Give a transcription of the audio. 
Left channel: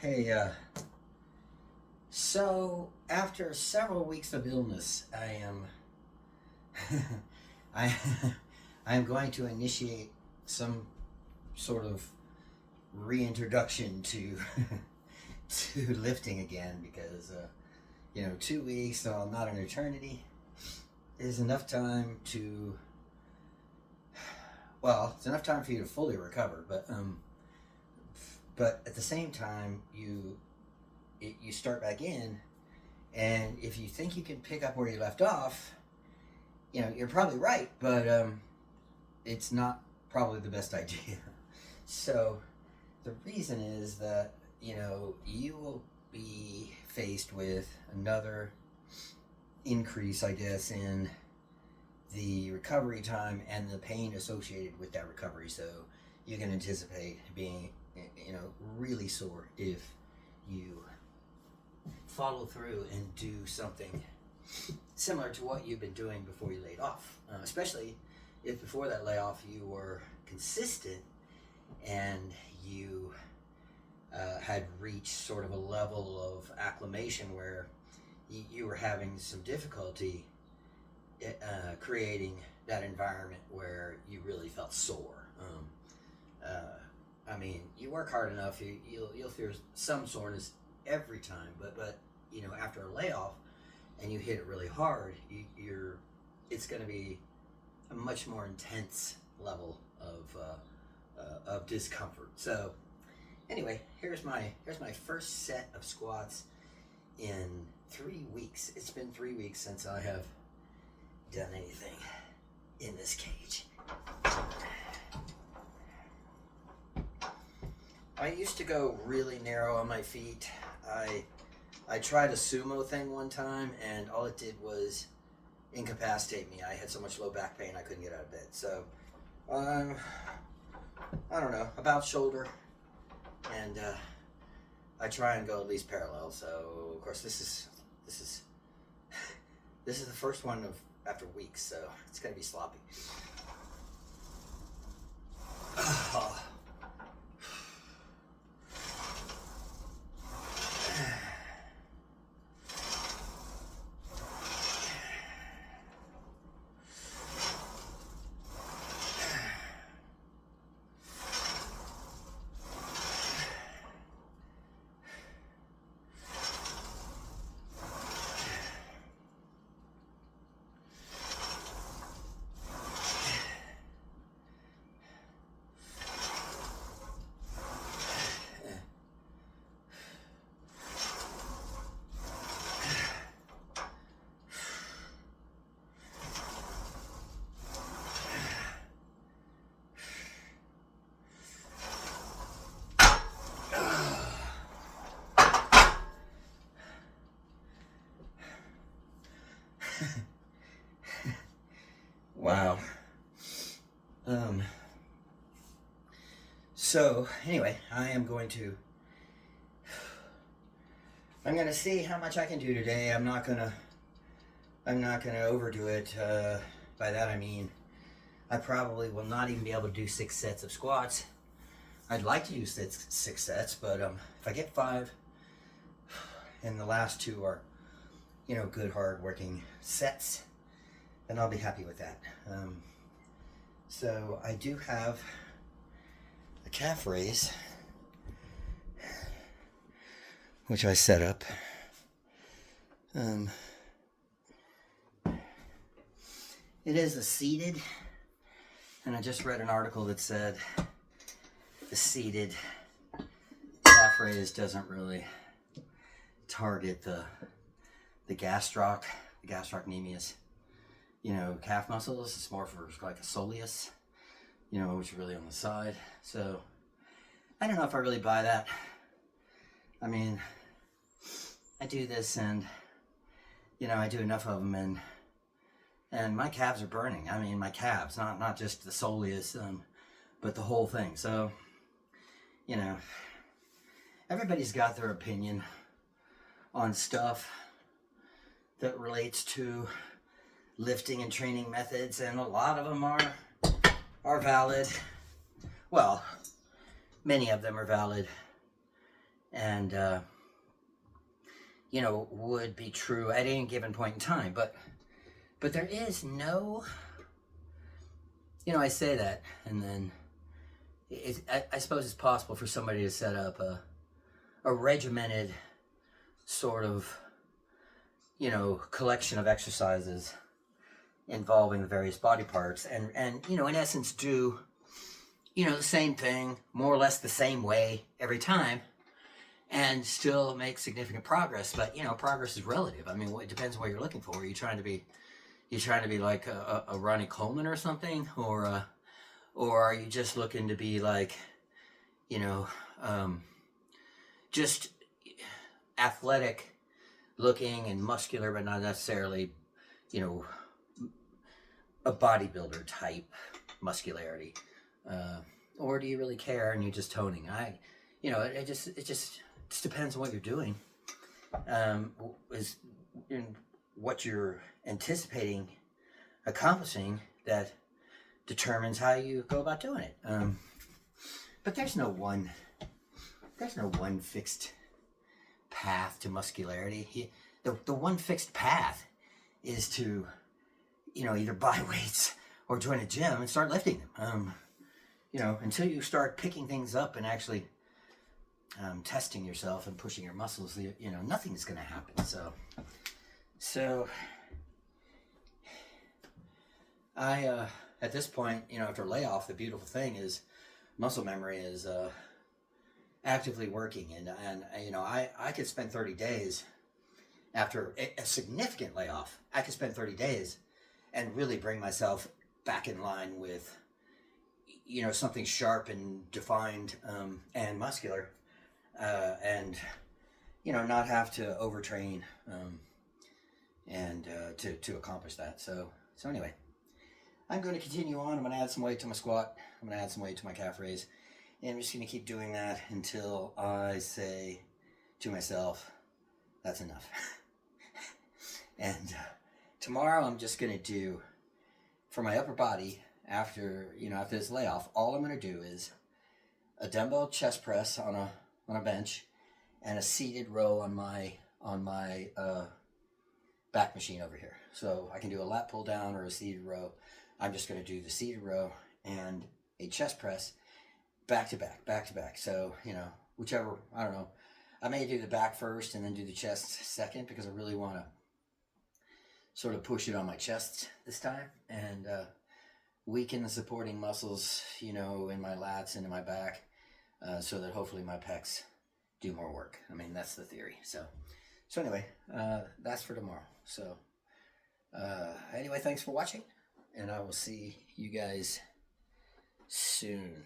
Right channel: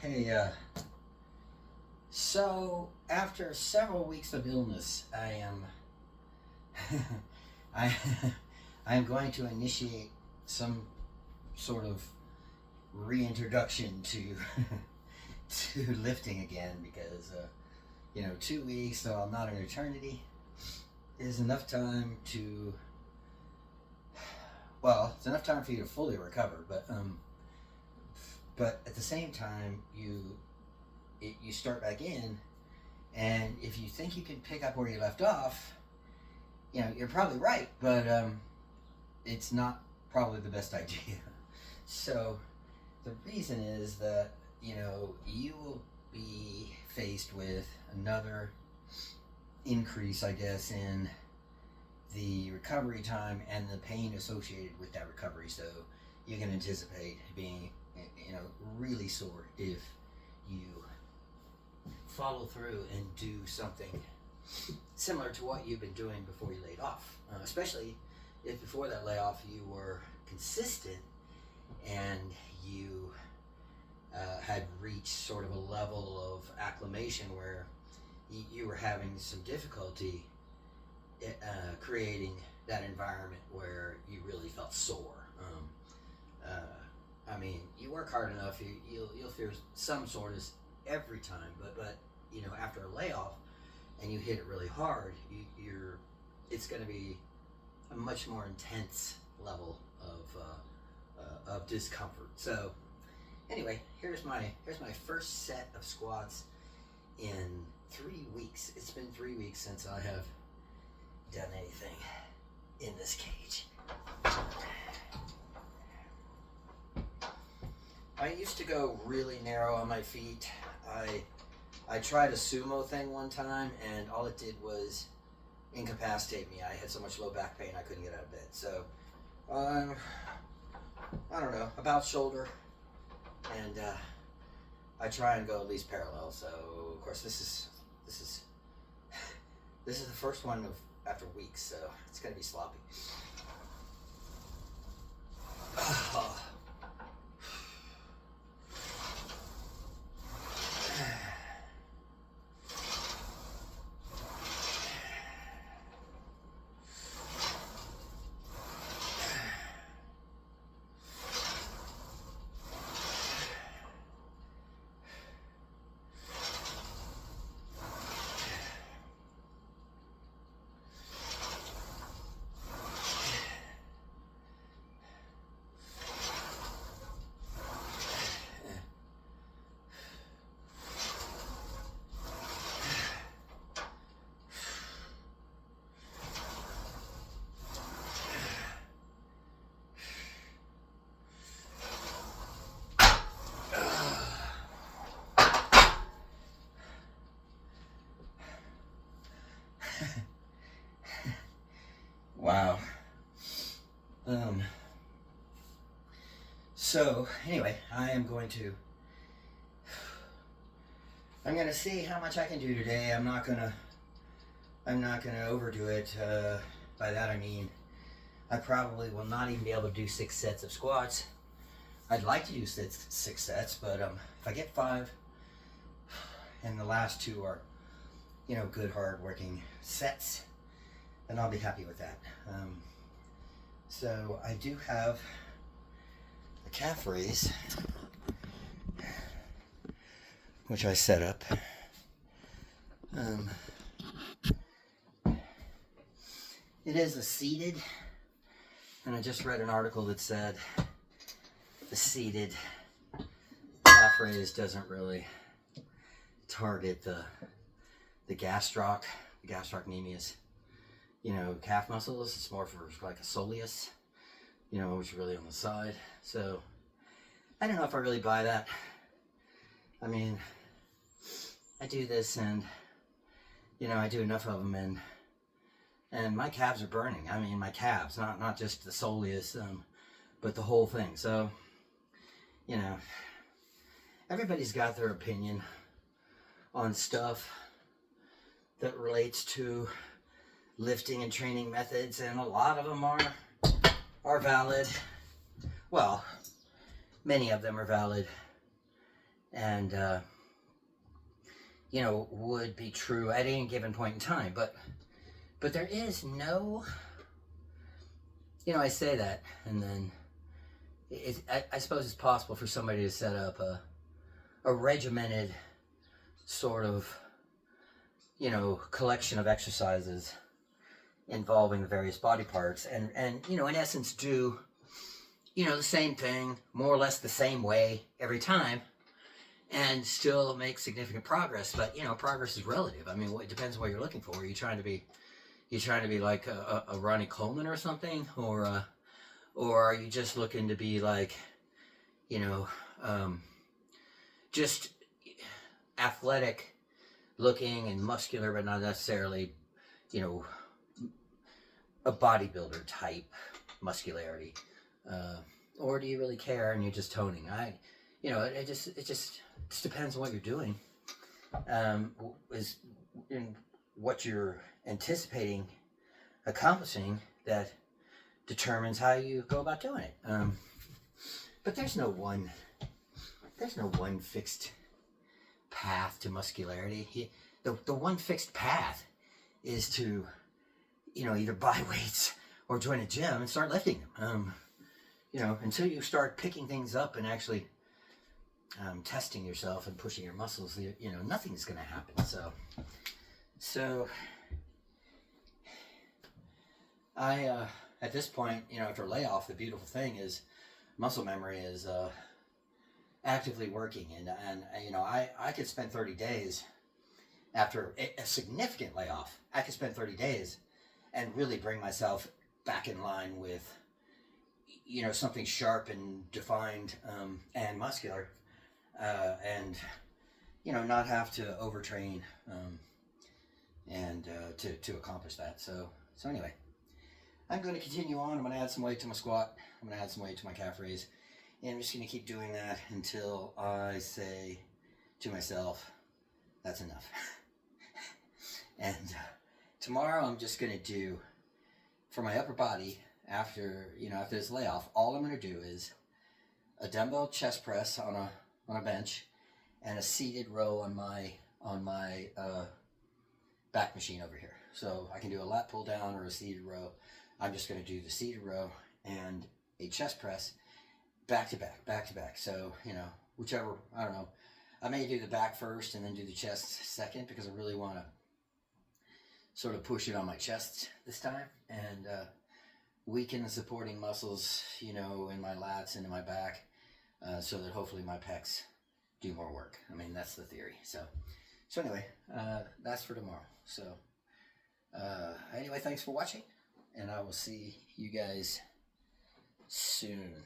Hey, so after several weeks of illness, I am I I am going to initiate some sort of reintroduction to to lifting again because 2 weeks, so not an eternity, is enough time to it's enough time for you to fully recover, but at the same time you start back in, and if you think you can pick up where you left off, you're probably right, but it's not probably the best idea. So the reason is that you will be faced with another increase, I guess, in the recovery time and the pain associated with that recovery. So you can anticipate being really sore if you follow through and do something similar to what you've been doing before you laid off, especially if before that layoff you were consistent and you had reached sort of a level of acclimation where you were having some difficulty creating that environment where you really felt sore. I mean, you work hard enough, you'll feel some soreness every time, but after a layoff and you hit it really hard, it's going to be a much more intense level of discomfort. So anyway, here's my first set of squats in 3 weeks. It's been 3 weeks since I have done anything in this cage. I used to go really narrow on my feet. I tried a sumo thing one time, and all it did was incapacitate me. I had so much low back pain I couldn't get out of bed. So I don't know, about shoulder, and I try and go at least parallel. So of course this is the first one of after weeks, so it's gonna be sloppy. Wow. So anyway, I'm going to see how much I can do today. I'm not gonna overdo it. By that I mean I probably will not even be able to do 6 sets of squats. I'd like to do six sets, but if I get 5 and the last 2 are good hard working sets, then I'll be happy with that. So I do have the calf raise, which I set up. It is a seated, and I just read an article that said the seated calf raise doesn't really target the gastrocnemius, calf muscles. It's more for like a soleus, which is really on the side. So I don't know if I really buy that. I mean, I do this, and I do enough of them, and my calves are burning. I mean, my calves, not just the soleus, but the whole thing. So everybody's got their opinion on stuff that relates to lifting and training methods, and a lot of them are valid. Well, many of them are valid, and you know, would be true at any given point in time. But there is no, you know, I say that, and then I suppose it's possible for somebody to set up a regimented sort of, you know, collection of exercises involving the various body parts, and you know, in essence, do, you know, the same thing more or less the same way every time, and still make significant progress. But you know, progress is relative. I mean, it depends on what you're looking for. Are you trying to be like a Ronnie Coleman or something, or are you just looking to be like, you know, just athletic looking and muscular, but not necessarily, you know, a bodybuilder type muscularity, or do you really care and you're just toning? You know, it just depends on what you're doing, is in what you're anticipating accomplishing that determines how you go about doing it. But there's no one fixed path to muscularity. The one fixed path is to, you know, either buy weights or join a gym and start lifting them. You know, until you start picking things up and actually testing yourself and pushing your muscles, you know, nothing's going to happen. So I, at this point, you know, after layoff, the beautiful thing is muscle memory is actively working, and you know, I could spend 30 days after a significant layoff. I could spend 30 days and really bring myself back in line with, you know, something sharp and defined, and muscular, and you know, not have to overtrain, and to accomplish that. So anyway, I'm going to continue on. I'm going to add some weight to my squat. I'm going to add some weight to my calf raise, and I'm just going to keep doing that until I say to myself, that's enough. And tomorrow I'm just going to do, for my upper body, after this layoff, all I'm going to do is a dumbbell chest press on a bench, and a seated row on my back machine over here. So I can do a lat pull down or a seated row. I'm just going to do the seated row and a chest press back to back. So, you know, whichever, I don't know. I may do the back first and then do the chest second, because I really want to sort of push it on my chest this time and weaken the supporting muscles, you know, in my lats and in my back, so that hopefully my pecs do more work. I mean, that's the theory. So anyway, that's for tomorrow. So anyway, thanks for watching, and I will see you guys soon.